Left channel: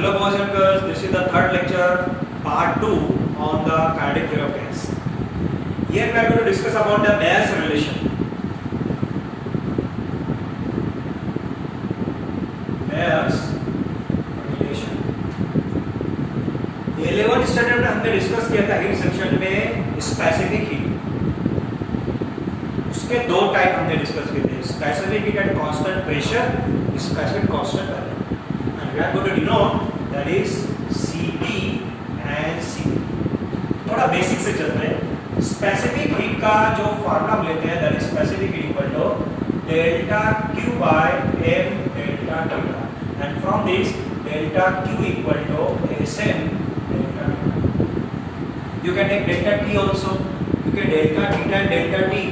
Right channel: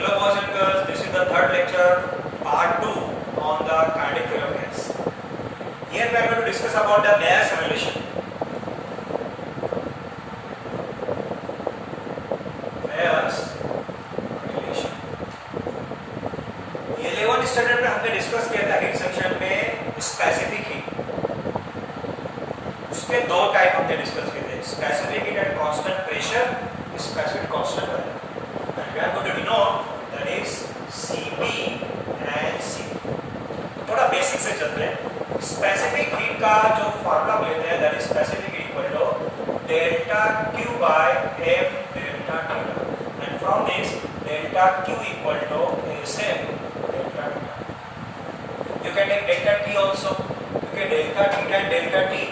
Hello boys and girls, this is the third lecture, part 2 on the kinetic theory of gas. Here we are going to discuss about the Mayer's relation. Mayer's relation. 11th standard में हमने discuss किया था heat section में specific heat. उसके दो type हमने discuss किए थे, specific heat at constant pressure, specific constant pressure. And we are going to denote that is Cp and Cv. थोड़ा बेसिक से चलते हैं. स्पेसिफिक हीट का जो फॉर्मूला हम लेते हैं that is specific heat equal to delta Q by m delta theta, and from this delta Q equal to Sm delta theta. You can take delta T also, क्योंकि delta theta and delta T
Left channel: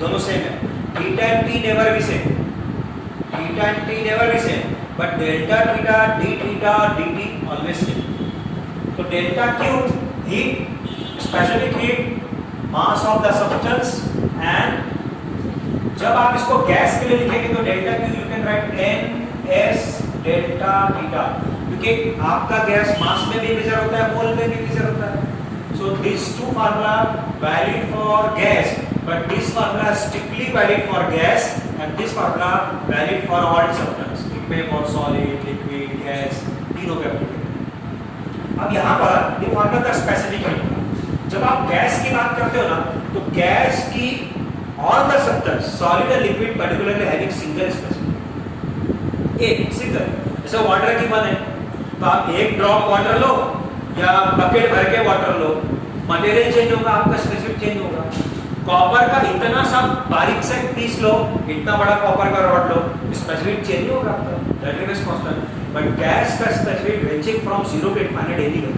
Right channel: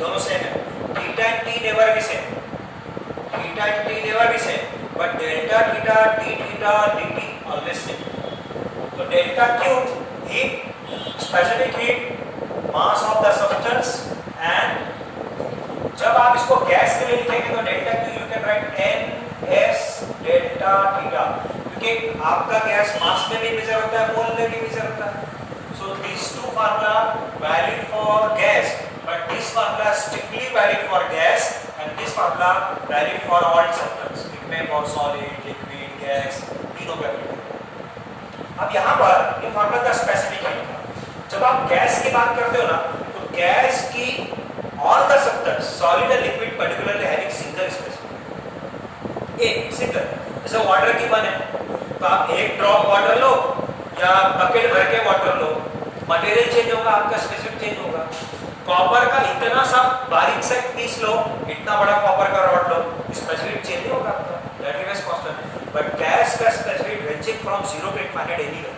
दोनों same है. Theta and T never be same, theta and T never be same, but delta theta, d theta, dt always same. So delta Q heat, specific heat, mass of the substance, and जब आप इसको gas के लिए लिखेंगे तो delta Q you can write n s delta theta, क्योंकि आपका gas मास में भी मेजर होता है, मोल में भी मेजर होता है. So these two formula valid for gas, but this formula strictly valid for gas, and this formula valid for all substance. में फॉर सॉलिड, लिक्विड, गैस तीनों पे अप्लाई. अब यहाँ पर ये फॉर्मूला था स्पेसिफिक हीट. जब आप गैस की बात करते हो ना तो गैस की all the substance solid and liquid particularly having single specific, एक सिंगल. जैसे वाटर की बने तो आप एक ड्रॉप वाटर लो या बकेट भर के वाटर लो, मटेरियल चेंज होगा, आपका स्पेसिफिक चेंज होगा. कॉपर का इतना सा बारीक से पीस लो, इतना बड़ा कॉपर का रॉड लो, स्पेसिफिक चेंज नहीं होगा आपका, that remains constant. But gas का specific ranging from 0 to infinite any है.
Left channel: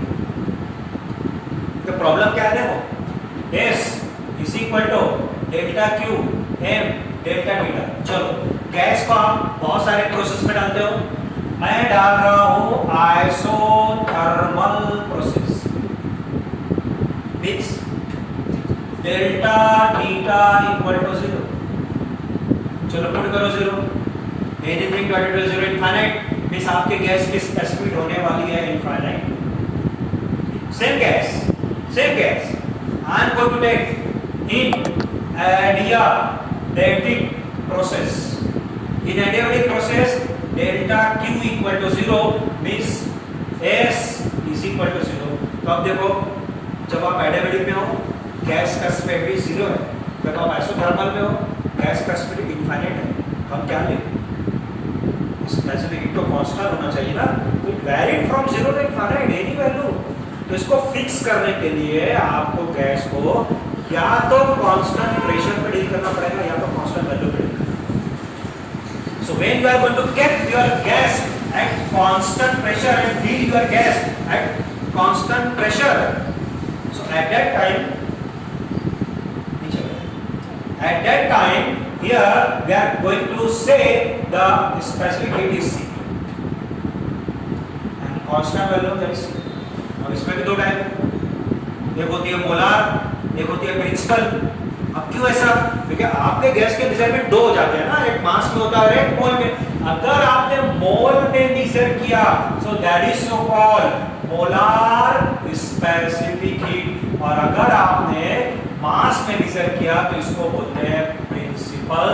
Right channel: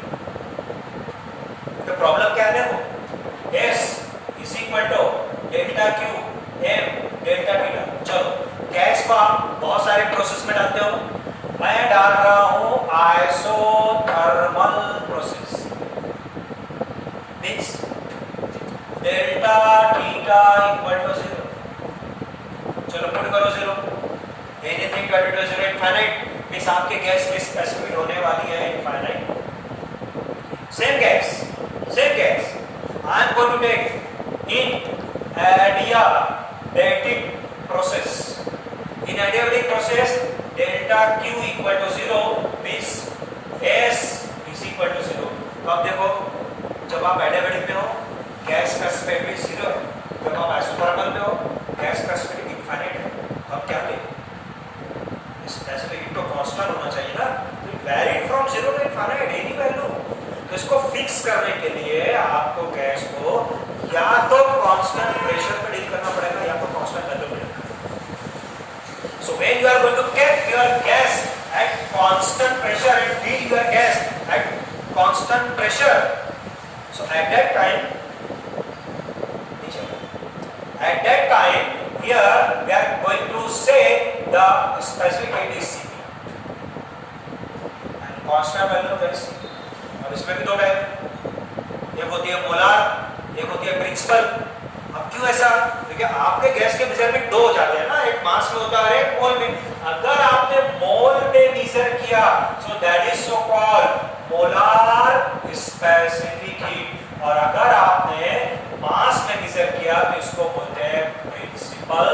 तो प्रॉब्लम क्या है वो, S is equal to delta Q m delta theta. चलो गैस को आप बहुत सारे प्रोसेस में डालते हो, मैं डाल रहा हूं isothermal process. Means delta theta equal to 0. चलो पुट करो 0, anything divided by 0 infinite, means आपके गैस की स्पेसिफिक होने वाली है infinite. Same gas I am going to take in adiabatic process. In adiabatic process delta Q equal to 0 means S is equal to 0. तो अब देखो जब आप adiabatic में हो गैस का स्पेसिफिक 0 है, जब आप आइसोथर्मल में हो गैस का स्पेसिफिक इनफाइनाइट है. हम क्या लें, स्पेसिफिक हीट तो कांस्टेंट होना चाहिए ना, तो vary from 0 to infinite any value. तो इसको फिक्स करने के लिए आपको गैस को या तो कांस्टेंट प्रेशर पे डील करना पड़ेगा या तो कांस्टेंट वैल्यू पे डील करना. So when you are going to keep your gas at constant pressure and deal your gas at constant pressure, so at that time here we are going to say the specific heat is Cp and constant value that is Cp. और इसमें भी दो type है, एक होती है molar, एक होती है प्रिंसिपल. अब क्यों ऐसा, क्योंकि आपके गैस के मेजरमेंट दो हो जाते हैं ना, एक मास में होता है एक मोल में. अगर आपने मोल में मेजर किया सो that is so called molar specific heat, और अगर आपने मास में मेजर किया तो इसको बोलते हैं प्रिंसिपल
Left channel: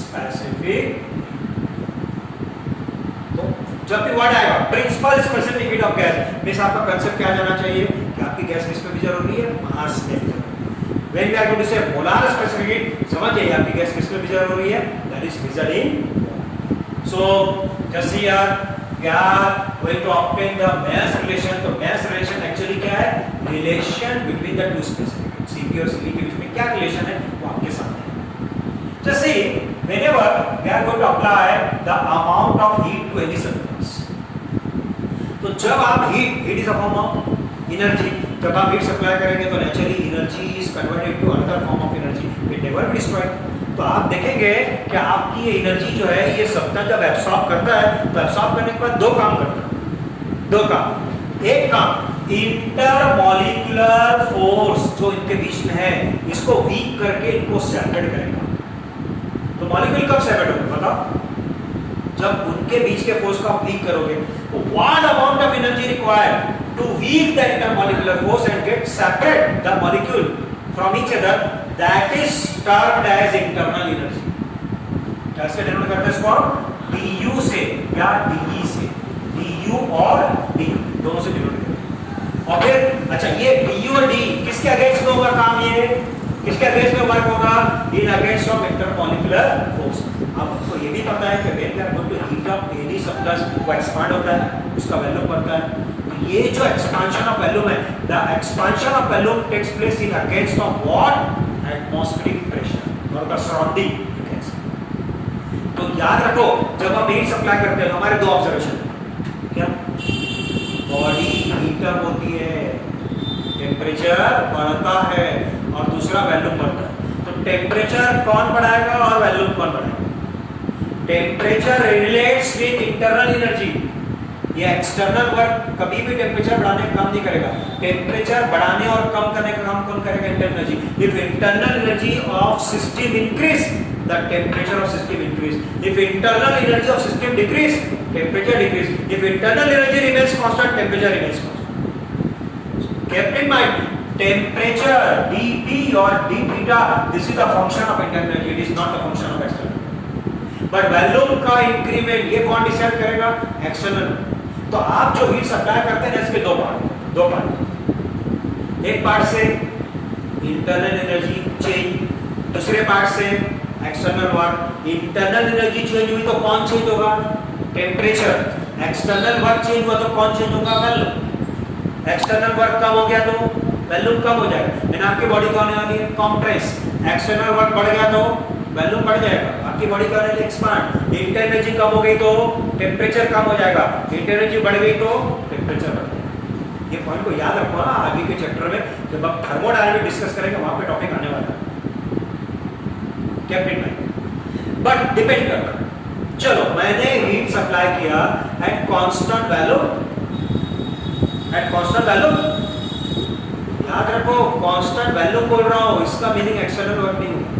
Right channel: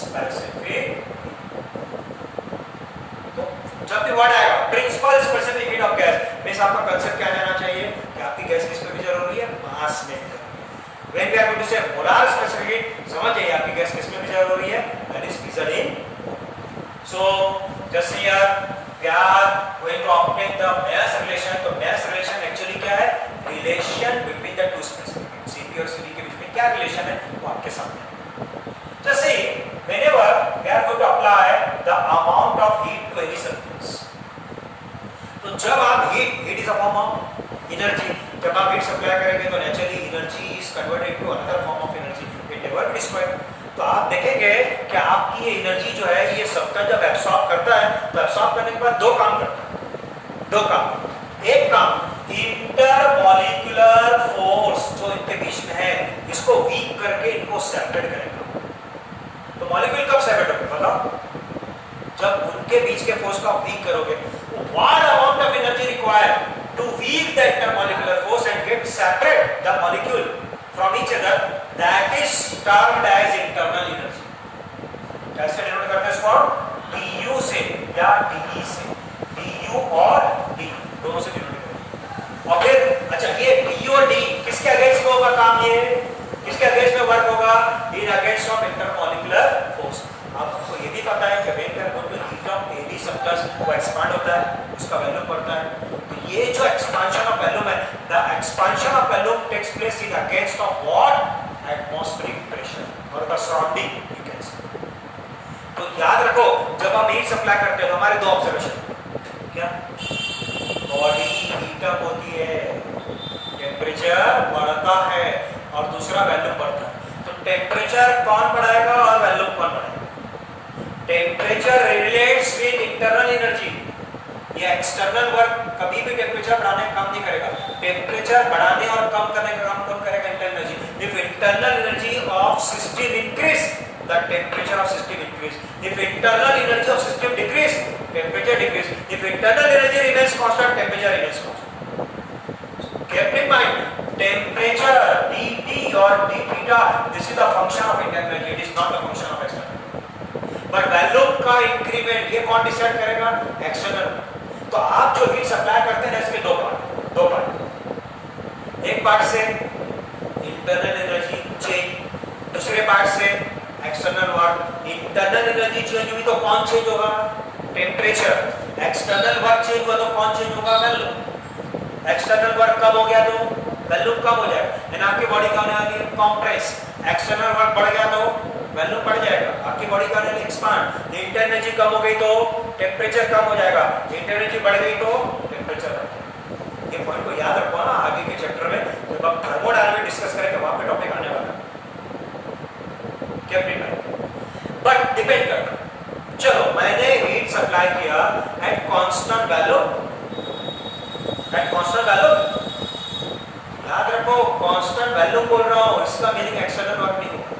स्पेसिफिक. तो जब भी वर्ड आएगा principal specific heat of gas, means आपका कांसेप्ट क्या जाना चाहिए कि आपकी गैस किस में मेजर हो रही है, मास में मेजर हो रही है. When we are going to say molar specific heat, समझ जाइए आपकी गैस किस में मेजर हो रही है, that is measured in. So just here we are going to obtain the Mayer's relation. तो Mayer's relation एक्चुअली क्या है, relation between the two specific Cp और Cv के बीच में क्या रिलेशन है वो आपके सामने. Just see, whenever we are going to apply the amount of heat to any substance, तो जब आप heat is a form of energy, जब आप heat supply करेंगे तो naturally energy is converted to another form of energy, it never be destroyed. तो आप देखेंगे कि आपकी ये एनर्जी जो है ये सब्सटेंस जब एब्सॉर्ब करता है तो एब्सॉर्ब करने के बाद दो काम करता है. दो काम, एक काम इंटरमॉलिक्यूलर फोर्स जो इनके बीच में है इसको वीक करके इनको सेपरेट करेगा. तो मॉलिक्यूल कब सेपरेट होंगे बताओ, जब उनके बीच के फोर्स को आप वीक करोगे, what amount of energy required to weak the intermolecular force and get separate the molecule from each other, that is termed as internal energy. कैसे डिनोट करते हैं इसको? du से या de से, du और du दोनों से डिनोट करते हैं। और फिर अच्छा, ये du और d किसके अगेंस्ट में होगा काम? ये किसके अगेंस्ट में वर्क होगा? In against of intermolecular force. आपको ये भी पता है कि when we are going to heat of any substance, वो एक्सपांड होता है, उसका वॉल्यूम बढ़ता है। तो ये जो एक्सपांशन ऑफ वॉल्यूम है, the expansion of volume takes place in against of what? Atmospheric pressure और द सराउंडिंग। तो याद रखो, जब हम हीट सप्लाई करते हैं तो हमारे दो ऑब्जर्वेशन, क्या? बॉडी हीट अप होती है, टेम्परेचर बढ़ता है, और दूसरा वॉल्यूम बढ़ता है। तो टेम्परेचर कौन बढ़ाएगा और वॉल्यूम कौन बढ़ाएगा? Temperature relates with internal energy. ये एक्सटर्नल वर्क कभी भी टेम्परेचर बढ़ाने का काम नहीं करेगा। टेम्परेचर बढ़ाने और कम करने का काम कौन करेगा? Internal energy. If internal energy of system increase, the temperature of system increase. If internal energy of system decrease, temperature decrease. If internal energy remains constant, temperature remains constant. Keep in mind, temperature dP or d theta, this is the function of internal energy, it is not the function of external. But volume का increment ये कौन decide करेगा? External. तो आप जो heat supply करते हैं इसके दो पार्ट, एक पार्ट से इंटरनल एनर्जी चेंज, दूसरे पार्ट से external work. Internal energy change हुई तो कौन चेंज होगा? टेम्परेचर। एक्सटर्नल वर्क चेंज हुआ तो कौन चेंज होगा? वॉल्यूम। एक्सटर्नल वर्क कम हो गया तो वॉल्यूम कम हो जाएगा, यानी आपकी बॉडी कौन आने वाली है? कंप्रेस। एक्सटर्नल वर्क बढ़ गया तो वॉल्यूम बढ़ जाएगा, आपकी बॉडी कौन आने? एक्सपांड। इंटरनल एनर्जी कम हो गई तो टेम्परेचर कम हो जाएगा, इंटरनल एनर्जी बढ़ गई तो टेम्परेचर बढ़ जाएगा। ये पॉइंट को याद रखो ना, आगे के चैप्टर में जब आप थर्मोडायनामिक्स डिस्कस करेंगे वहां पे टॉपिक आने वाला है। बट डिपेंड करता है। चलो, मैंने हीट सप्लाई किया एट कांस्टेंट वैल्यू, याद रखो कांस्टेंट वैल्यू बोल रहा हूं, इसका मीनिंग एक्सटर्नल वर्क नहीं होगा।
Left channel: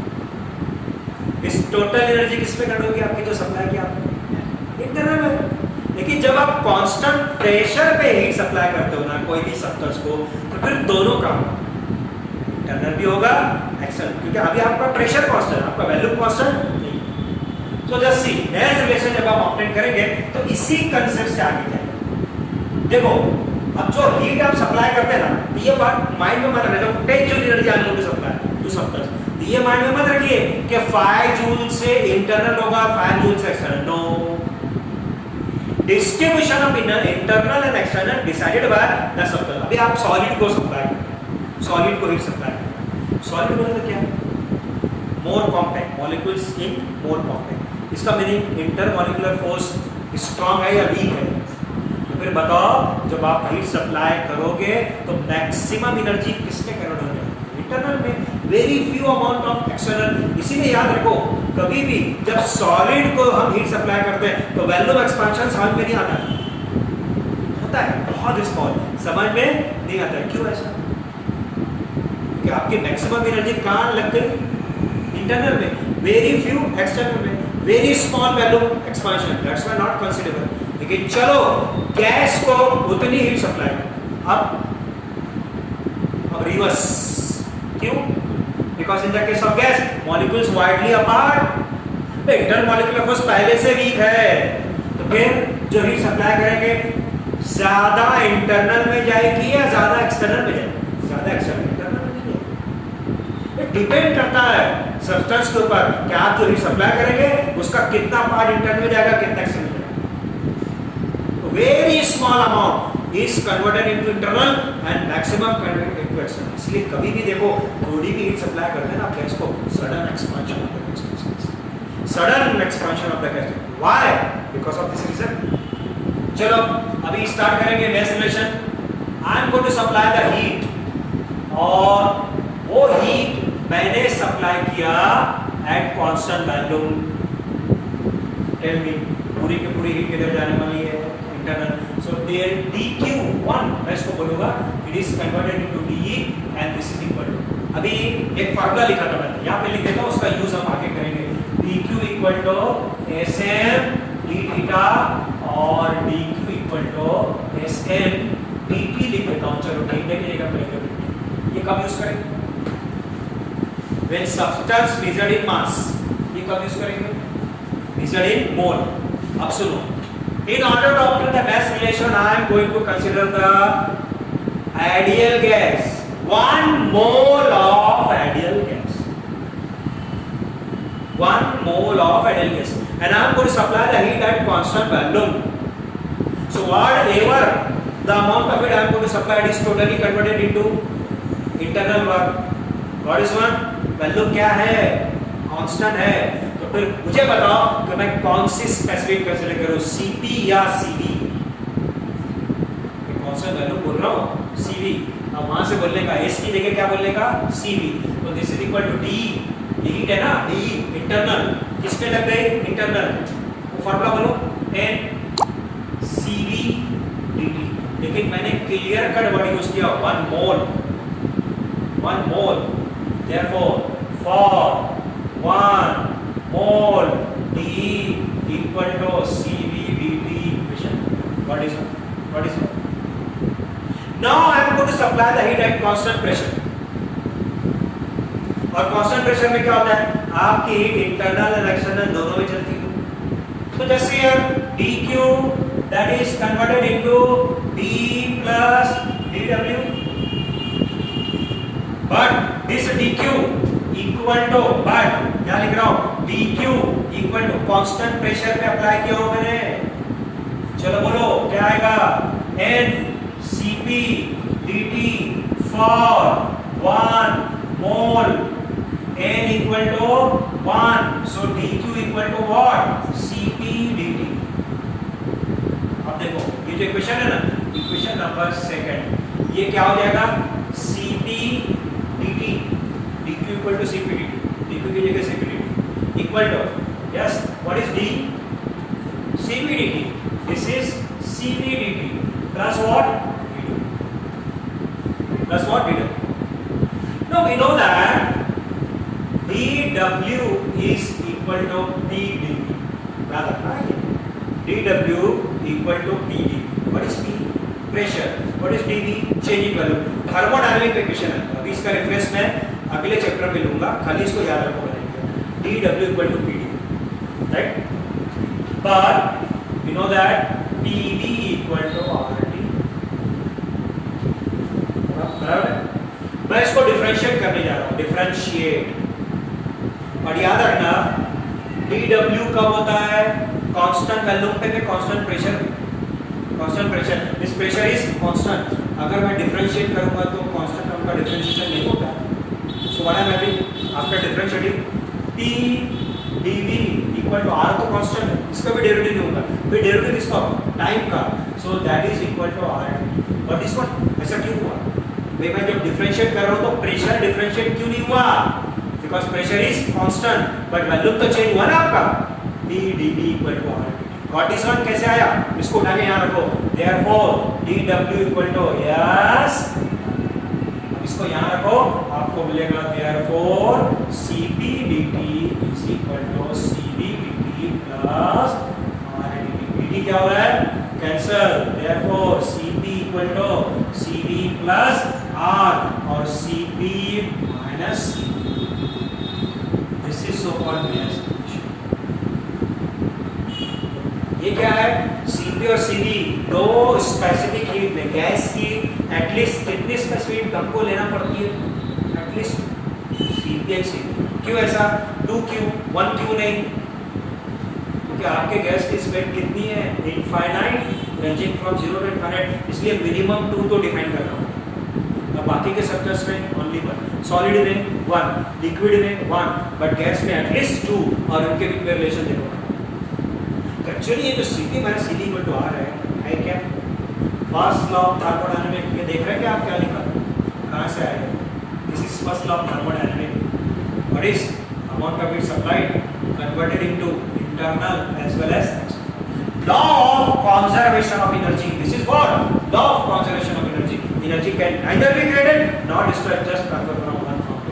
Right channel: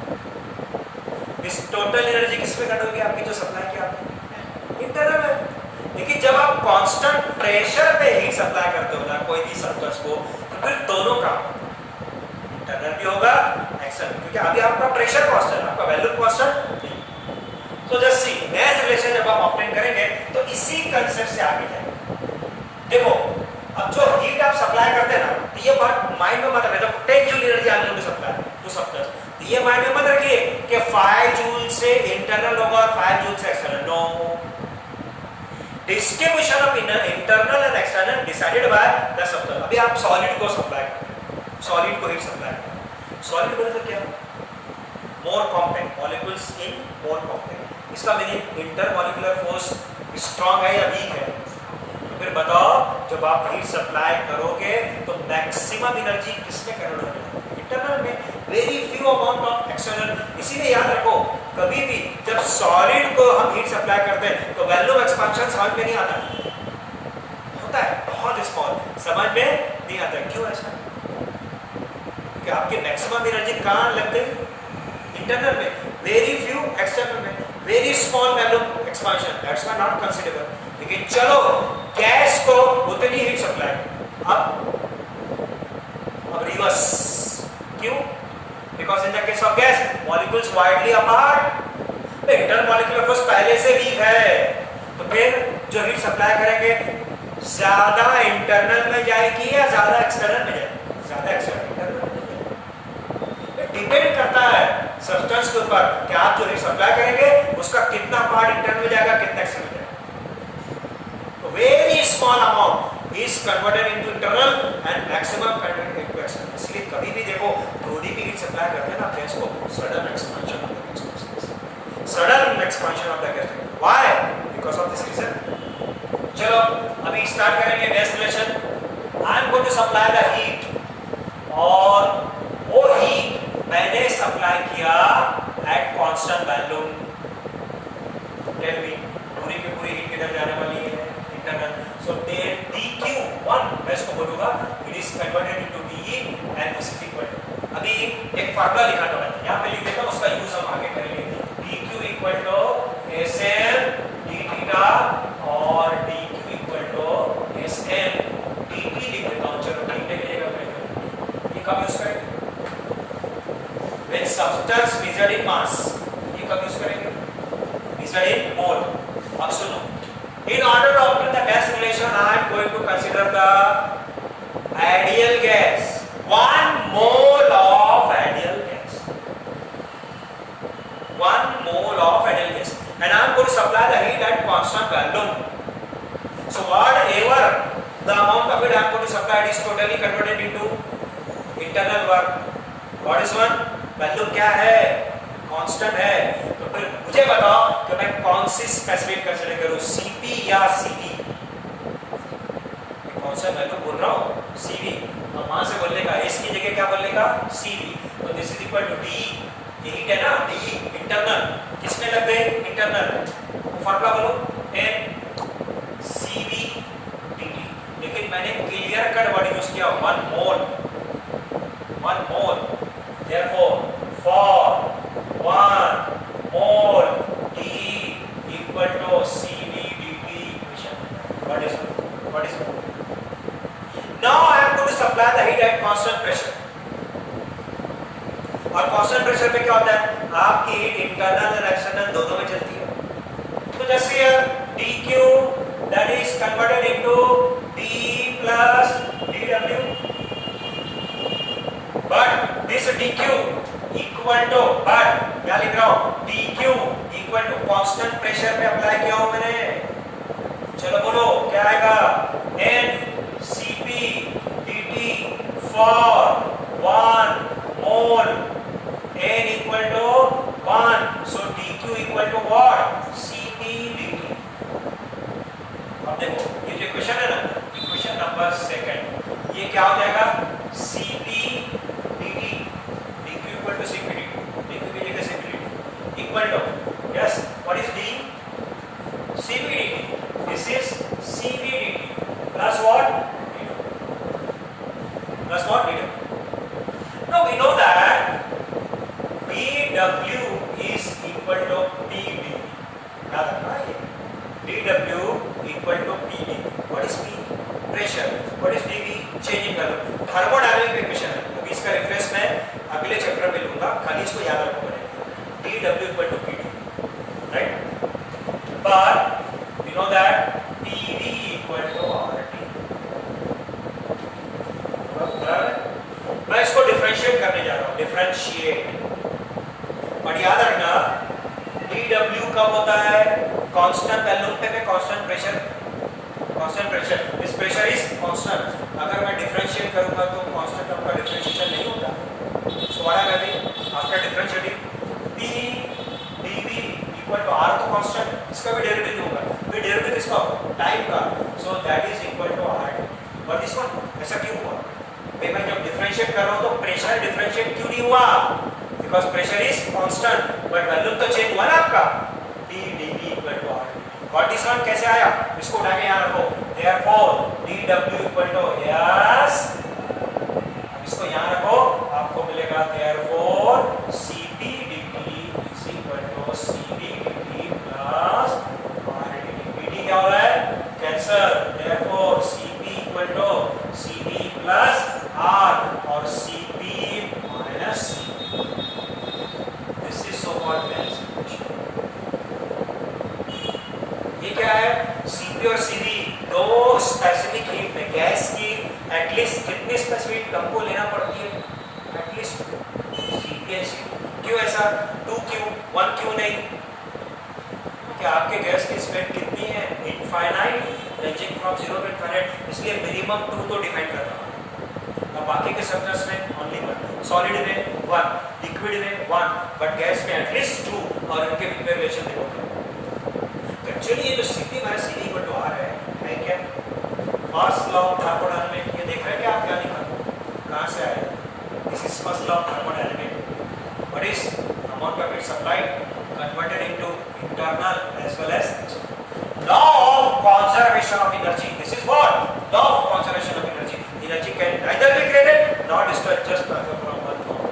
इस टोटल एनर्जी किसमें कट होगी? आपकी जो सप्लाई की आपने इंटरनल में। लेकिन जब आप कांस्टेंट प्रेशर पे हीट सप्लाई करते हो ना कोई भी सब्सटेंस को, तो फिर दोनों काम, इंटरनल भी होगा एक्सटर्नल, क्योंकि अभी आपका प्रेशर कांस्टेंट, आपका वॉल्यूम कांस्टेंट नहीं। सो जस्ट सी, नया रिलेशन जब आप ऑब्टेन करेंगे तो इसी कंसेप्ट से आगे जाएंगे। देखो, अब जो हीट आप सप्लाई करते हैं ना, तो ये बात माइंड में मत रखना, 10 जूल एनर्जी आप लोग सप्लाई टू सब्सटेंस, तो ये माइंड में मत रखिए कि 5 जूल से इंटरनल होगा, 5 जूल से external. No, distribution of internal and external decided by the substance. अभी आप सॉलिड को सप्लाई, सॉलिड को हीट सप्लाई, सॉलिड बोले तो क्या? More compact, molecules in more compact. इसका मीनिंग इंटरमॉलिक्यूलर फोर्स स्ट्रांग है या वीक है? तो फिर बताओ, जब आप हीट सप्लाई करोगे तो मैक्सिमम एनर्जी किसमें कन्वर्ट हो जाएगी? इंटरनल में, very few amount of external. इसीलिए याद रखो, कभी भी जब सॉलिड को हम हीट सप्लाई करते हैं तो वॉल्यूम एक्सपेंशन समझ में नहीं आता है, होता है बहुत स्मॉल, समझ में नहीं आता है। क्यों ऐसा? कि आपकी मैक्सिमम एनर्जी कहां लगती है? इंटरनल में, वेरी फ्यू एक्सटर्नल में, very small volume expansion, that's why not considerable. लेकिन चलो, गैस को उतनी हीट सप्लाई, अब रिवर्स। क्यों? Because in the case of gas molecules widely apart, intermolecular force पहले से वीक है, तो फिर जो हीट सप्लाई करेंगे ज्यादा इंटरनल में जाएगी या ज्यादा एक्सटर्नल में जाएगी? ज्यादा एक्सटर्नल, डिपेंड करता है सब्सटेंस के ऊपर कि आप जो हीट सप्लाई करेंगे उसका कितना पार्ट इंटरनल में जाएगा, कितना एक्सटर्नल में जाएगा। तो very small amount is converted into internal and maximum converted into external. इसलिए कभी भी देखो, थोड़ी भी हीट सप्लाई करते हैं ना गैस को, sudden expansion of the gas, sudden expansion of the gas. Why? Because of this reason. चलो, अभी स्टार्ट करेंगे next relation. I am going to supply the heat, और वो हीट मैंने सप्लाई किया at constant volume. Tell me, पूरी की पूरी हीट किधर जाने वाली है? इंटरनल। सो डेल dq1, मैं इसको बोलूंगा, it is converted into dE and this is equal to, अभी एक फार्मूला लिखा था मैंने, यहाँ पे लिख देता हूँ, उसका यूज हम आगे करेंगे। dq equal to Sm D theta और D Q equal to S N D T लिख देता हूं, चलो डी की जगह पे ये कब यूज करेंगे? When substance measured in mass, ये कब यूज करेंगे? Measured in mole. अब सुनो, in order to obtain the mass relation, I am going to consider the ideal gas, 1 mole of ideal gas, 1 mole of ideal gas, and I am going to supply the heat at constant volume. So whatever the amount of it I am going to supply is totally converted into internal work. What is one? Volume क्या है? Constant है। तो फिर मुझे बताओ कि मैं कौन सी स्पेसिफिक कंसीडर करूं, सीपी या सीवी? कौन सा वैल्यू बोल रहा हूं? सीवी। अब वहां से बोलने का एस की जगह क्या बोलने का? सीवी। तो this is equal to D, ये हीट है ना, डी इंटरनल, किसमें लग गई? इंटरनल। वो फार्मूला बोलो, एन सीवी डीटी। लेकिन मैंने क्लियर कट वर्ड यूज किया, 1 मोल, 1 मोल। Therefore, for 1 mole D equal to CV dt equation. What is it? Now I am going to supply the heat at constant pressure. और constant pressure में क्या होता है? आपकी heat internal और external दोनों में चलती है। तो जैसे here dq that is converted into d plus dw. But this dq equal to, but क्या लिख रहा हूं? dq equal to constant pressure पे अप्लाई किया हूं मैंने। चलो बोलो क्या आएगा? n cp dt for 1 mole, n equal to 1, so dq equal to what? cp dt। अब देखो ये जो इक्वेशन है ना, इक्वेशन नंबर 2, ये क्या हो जाएगा? cp dt, dq equal to cp dt, dq की जगह cp dt equal to, yes, what is d? cp dt, this is cp dt plus what? dw, plus what? dw. Now we know that dw is equal to pd, याद रखना है, dw equal to pd. What is p? Pressure. What is dv? Changing value. Thermodynamic equation है, अभी इसका reference मैं अगले chapter में लूंगा, खाली इसको याद रखो मैंने। dw equal to pd, right? But we know that pv equal to rt, बराबर? मैं इसको डिफरेंशिएट करने जा रहा हूँ, डिफरेंशिएट। और याद रखना dw कब होता है? कांस्टेंट वैल्यूम पे, constant pressure, constant pressure, this pressure is constant. अगर मैं डिफरेंशिएट करूंगा तो कांस्टेंट टर्म का डिफरेंशिएशन नहीं होता। So what I am having after differentiating, p dv equal to r तो कांस्टेंट, इसका भी डेरिवेटिव होगा, फिर डेरिवेटिव किसका? टाइम का, so that is equal to r। But this one ऐसा क्यों हुआ? मैं जब डिफरेंशिएट कर रहा हूं तो प्रेशर डिफरेंशिएट क्यों नहीं हुआ? Because pressure is constant, but volume तो चेंज हुआ ना आपका, p dv equal to r। Got this one? कैसे आया? इसको उठा के यहाँ रखो, therefore dw equal to, yes, इसको यहाँ रखो, आपको मिलेगा therefore cp dt is equal to cv dt plus r dt। dt क्या हो रहा है? Cancel, therefore cp equal to cv plus r और cp minus cv। This is so called mass। ये क्या है? Cp और Cv दो स्पेसिफिक हीट में गैस की एटलीस्ट कितनी स्पेसिफिक हमको लेना पड़ती है? एटलीस्ट Cp और Cv। क्यों ऐसा? 2 क्यों, 1 क्यों नहीं? क्योंकि आपके गैस की स्पीड कितनी है? Infinite, ranging from 0 to infinite, इसलिए मिनिमम 2 तो डिफाइन कर रहा हूँ। अब बाकी के सब्सटेंस में ओनली 1, सॉलिड में 1, लिक्विड में 1, बट गैस में एटलीस्ट 2, और इनके बीच में रिलेशन देखो। एक्चुअली ये जो Cp minus Cv equal to R है क्या? First law of thermodynamics. ये देख रहे हैं कि आप क्या लिखा? कहाँ से आया? This is first law of thermodynamics. What is amount of heat supplied converted into internal as well as law of conservation of energy. This is what? Law of conservation of energy. Energy can neither be created not destroyed, just transfer from one form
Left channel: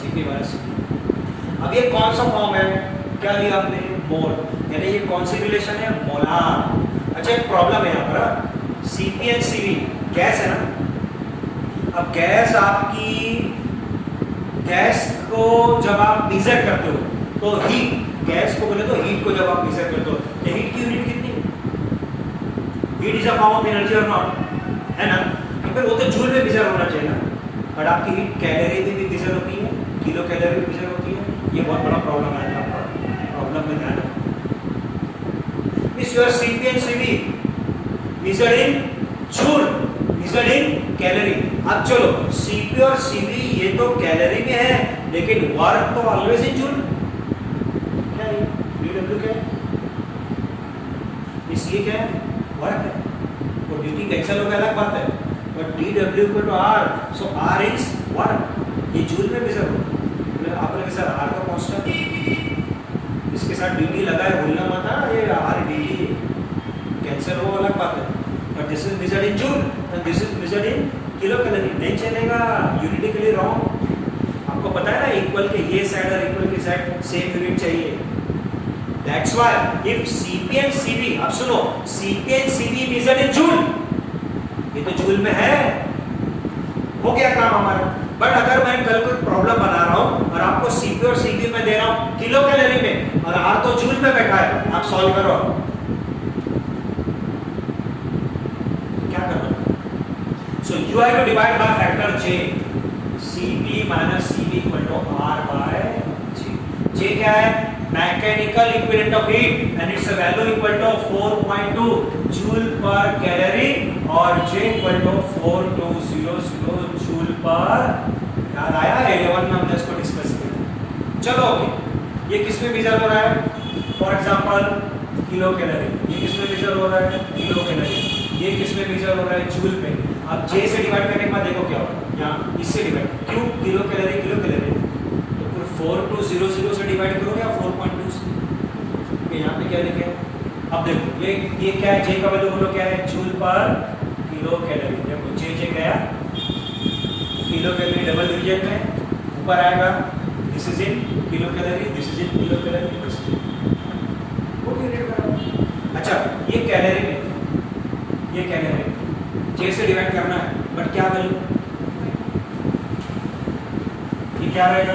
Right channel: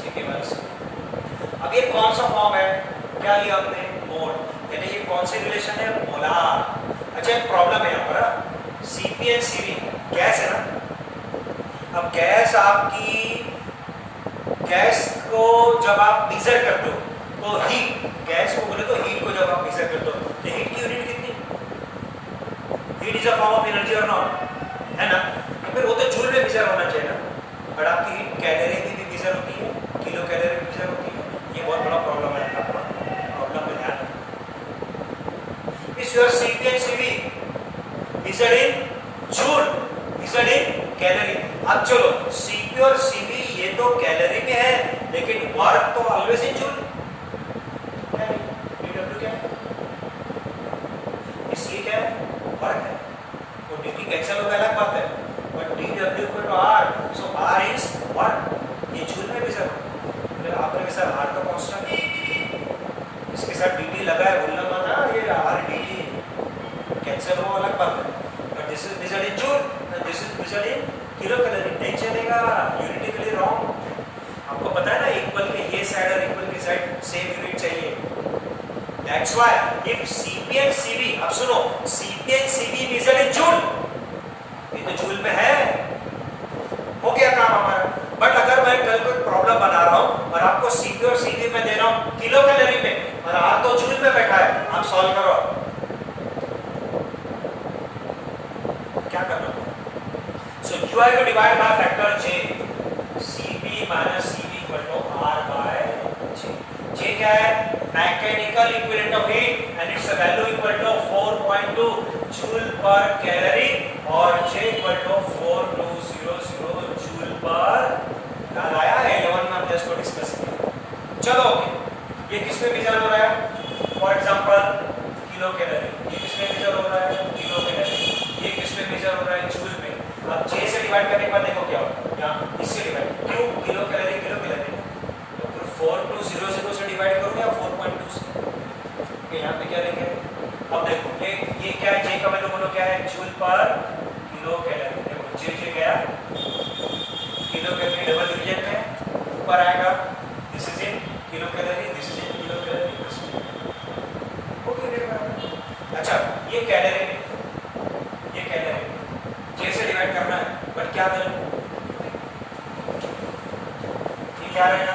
Cp minus Cv। अब ये कौन सा form है? क्या लिया आपने? मोल, यानी ये कौन सी रिलेशन है? मोलार। अच्छा एक प्रॉब्लम है यहाँ पर, Cp एंड Cv गैस है ना। अब गैस आपकी, गैस को जब आप मेजर करते हो तो हीट, गैस को बोले तो हीट को जब आप मेजर करते हो तो हीट की यूनिट कितनी? Heat is a form of energy और नॉट, है ना? तो फिर वो तो जूल में मेजर होना चाहिए ना, बट आपकी हीट कैलोरी में भी मेजर होती है, किलो कैलोरी में मेजर होती है। ये बहुत बड़ा प्रॉब्लम है आपका, प्रॉब्लम में ध्यान रखना। इस your Cp and Cv measured in joule, measured in calorie. अब चलो Cp और Cv ये तो कैलोरी में है, लेकिन वर्क तो ऑलवेज इन जूल। क्या है dW? क्या है इस? ये क्या है? वर्क है। वो dt कैंसिल होगा अलग बात है, but dW equal to R, so R is work. ये जूल में मेजर होगा। आपने के साथ R का कांस्टेंट, इसके साथ dt लगा है, भूलना मत, ये R dt कैंसिल हुआ अलग बात है, but this is measured in joule and this is measured in kilo calorie. नहीं चलेगा, यूनिटिकली रॉन्ग। आपको पता है ना, इक्वल के ये साइड और इक्वल के साइड सेम यूनिट चाहिए। That's why if Cp and Cv, अब सुनो, Cp and Cv measured in joule, ये तो जूल में है, हो गया काम हमारा। बट अगर मैं कल कोई प्रॉब्लम बना रहा हूं और आपको Cp और Cv में दे रहा हूं किलो कैलोरी में, और R तो जूल में बैठा है, आप सॉल्व करो। क्या करना? So you have to divide by factor J, Cp minus Cv equal to R by J। J क्या है? Mechanical equivalent of heat and its value equal to 4.2 joule per calorie और J equal to 4200 joule per. याद आया? 11 में हमने इसको discuss किया। चलो ये किस में मेजर हो रहा है? फॉर एग्जांपल किलो कैलोरी, ये किस में मेजर हो रहा है? Kilo calorie. ये किस में मेजर हो रहा है? जूल में। अब J से डिवाइड करने के बाद देखो क्या होगा, यहाँ इससे डिवाइड, क्यों? किलो कैलोरी किलो कैलोरी, तो फिर 4200 से डिवाइड करो या 4.2 से। यहाँ पे क्या लिखे? अब देखो ये क्या है? J का वैल्यू बोलो क्या है? जूल पर किलो कैलोरी। देखो J गया किलो कैलोरी डबल डिवीजन में, ऊपर आएगा this is in kilo calorie, this is in kilo calorie, this is in. अच्छा ये कैलोरी में, ये कैलोरी J से डिवाइड करना है, बट क्या वैल्यू? ये क्या रहेगा?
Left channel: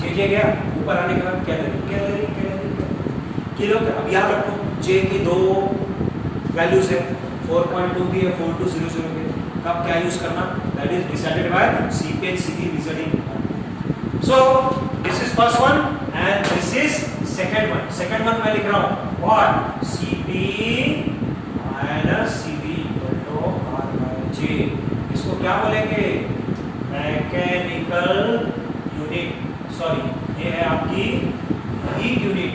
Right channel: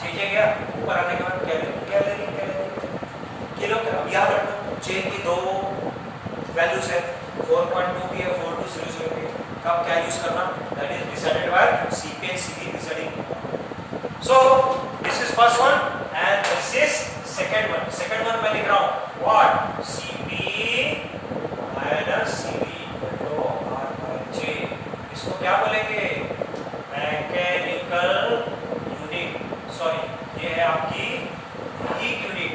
J गया, ऊपर आने के बाद कैलोरी कैलोरी कैलोरी किलो। अब यहाँ रखो J की दो वैल्यूज है, 4.2 भी है, 4200 भी है। कब क्या यूज करना? That is decided by Cp and Cv measured in. So this is first one and this is second one. Second one मैं लिख रहा हूँ what? Cp minus Cv equal to R by J। इसको क्या बोलेंगे? Mechanical unit, sorry ये है आपकी हीट यूनिट।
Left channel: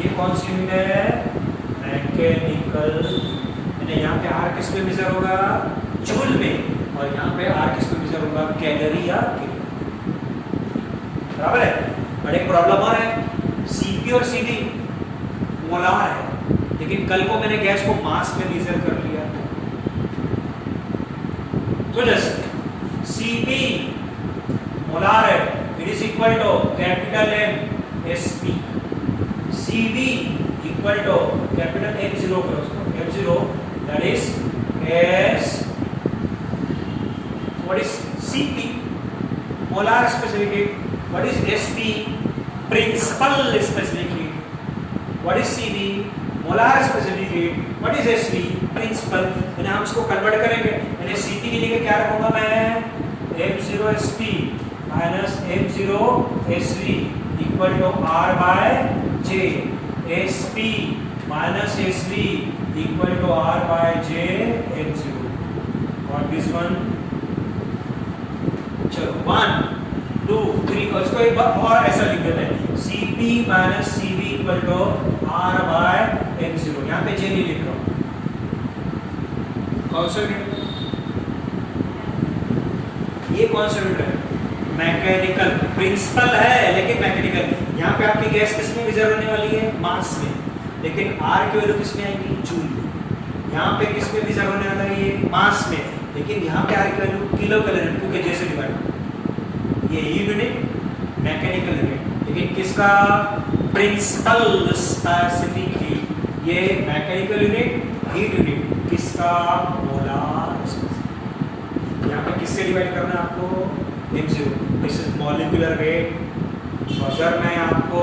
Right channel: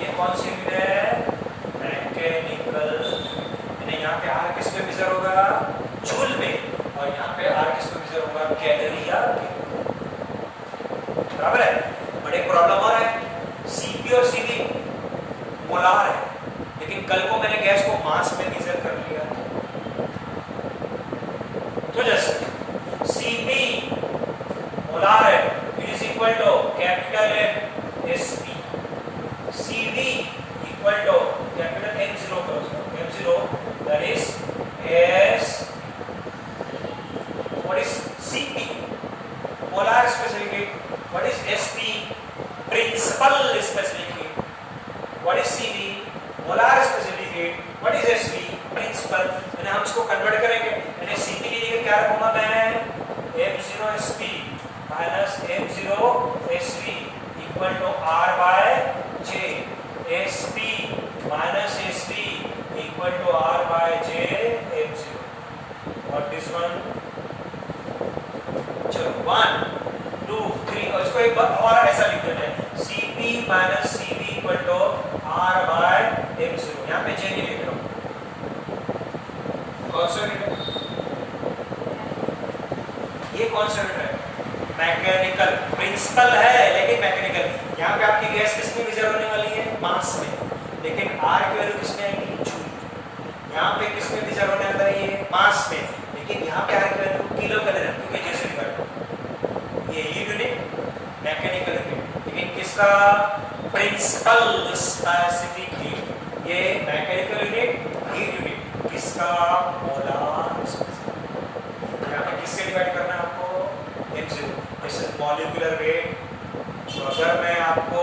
ये कौन सी यूनिट है? मैकेनिकल। यहाँ पे R किस में मेजर होगा? जूल में। और यहाँ पे R किस में मेजर होगा? कैलोरी या किलो। बराबर है। बट एक प्रॉब्लम और है, Cp और Cv मोलार है, लेकिन कल को मैंने गैस को मास में मेजर कर लिया। तो जैसे Cp मोलार है, it is equal to capital M Sp, Cv equal to capital M0 M0 that is S। What is Cp? Molar specific heat. What is Sp? Principal specific heat. What is Cv? Molar specific heat. What is Sp? Principal. यानी हम इसको convert करेंगे, यानी Cp की जगह क्या रखूंगा मैं? M0 Sp minus M0 Sv equal to R by J। Sp minus Sv equal to R by J M0। और दिस वन, चलो 1 2 3, और इसको एक बार और ऐसा लिख देते हैं Cp minus Cv equal to R by M0। यहाँ पे J नहीं लिख रहा हूँ, कौन सा यूनिट है ये? कौन सा यूनिट है? मैकेनिकल। प्रिंसिपल है लेकिन मैकेनिकल। यहाँ पे आपकी गैस किस में मेजर होने वाली है? मास में। लेकिन R की वैल्यू किस में आएगी? जूल। यहाँ पे किस में मेजर होने वाला है? ये मास में। लेकिन यहाँ पे R की वैल्यू किलो कैलोरी, क्योंकि जैसे डिवाइड ये यूनिट मैकेनिकल यूनिट। लेकिन किसका? प्रिंसिपल स्पेसिफिक हीट, ये मैकेनिकल यूनिट, हीट यूनिट, किसका? Molar specific. यहाँ पे किससे डिवाइड करना है आपको? m0। This is molecular weight. तो अगर मैं आपको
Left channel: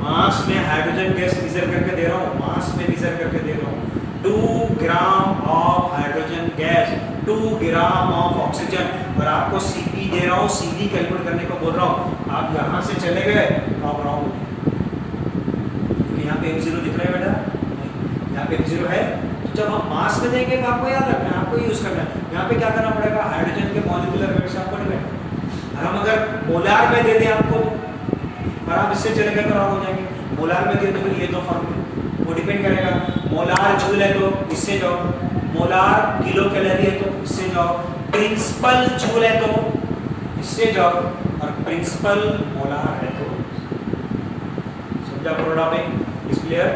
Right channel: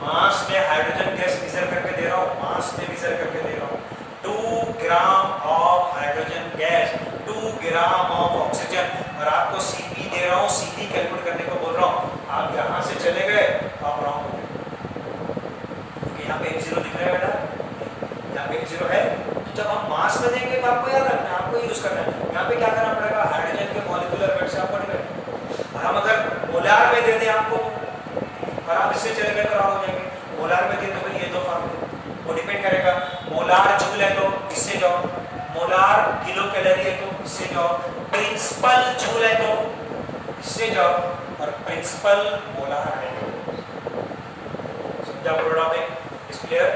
मास में हाइड्रोजन गैस मेजर करके दे रहा हूँ, मास में मेजर करके दे रहा हूँ, 2 gram of hydrogen gas, 2 gram of oxygen, और आपको Cp दे रहा हूँ, Cp कैलकुलेट करने को बोल रहा हूँ, आप यहाँ से चले गए तो आप रॉन्ग हो। यहाँ पे m0 दिख रहा है बेटा? नहीं, यहाँ पे m0 है। तो जब हम मास में देंगे तो आपको याद रखना है, आपको यूज करना है। यहाँ पे क्या करना पड़ेगा? हाइड्रोजन के मॉलिक्यूलर वेट से आपको डिवाइड। और हम अगर मोलार में दे दें आपको, और आप इससे चले गए तो रॉन्ग हो जाएंगे। मोलार में दे तो फिर ये दो फॉर्मूले, वो डिपेंड करेगा। मोलार जूल है तो इससे जाओ, मोलार किलो कैलोरी है तो इससे जाओ, प्रिंसिपल जूल है तो इससे जाओ, और प्रिंसिपल मोलार है तो। समझा? प्रोडा में इज क्लियर?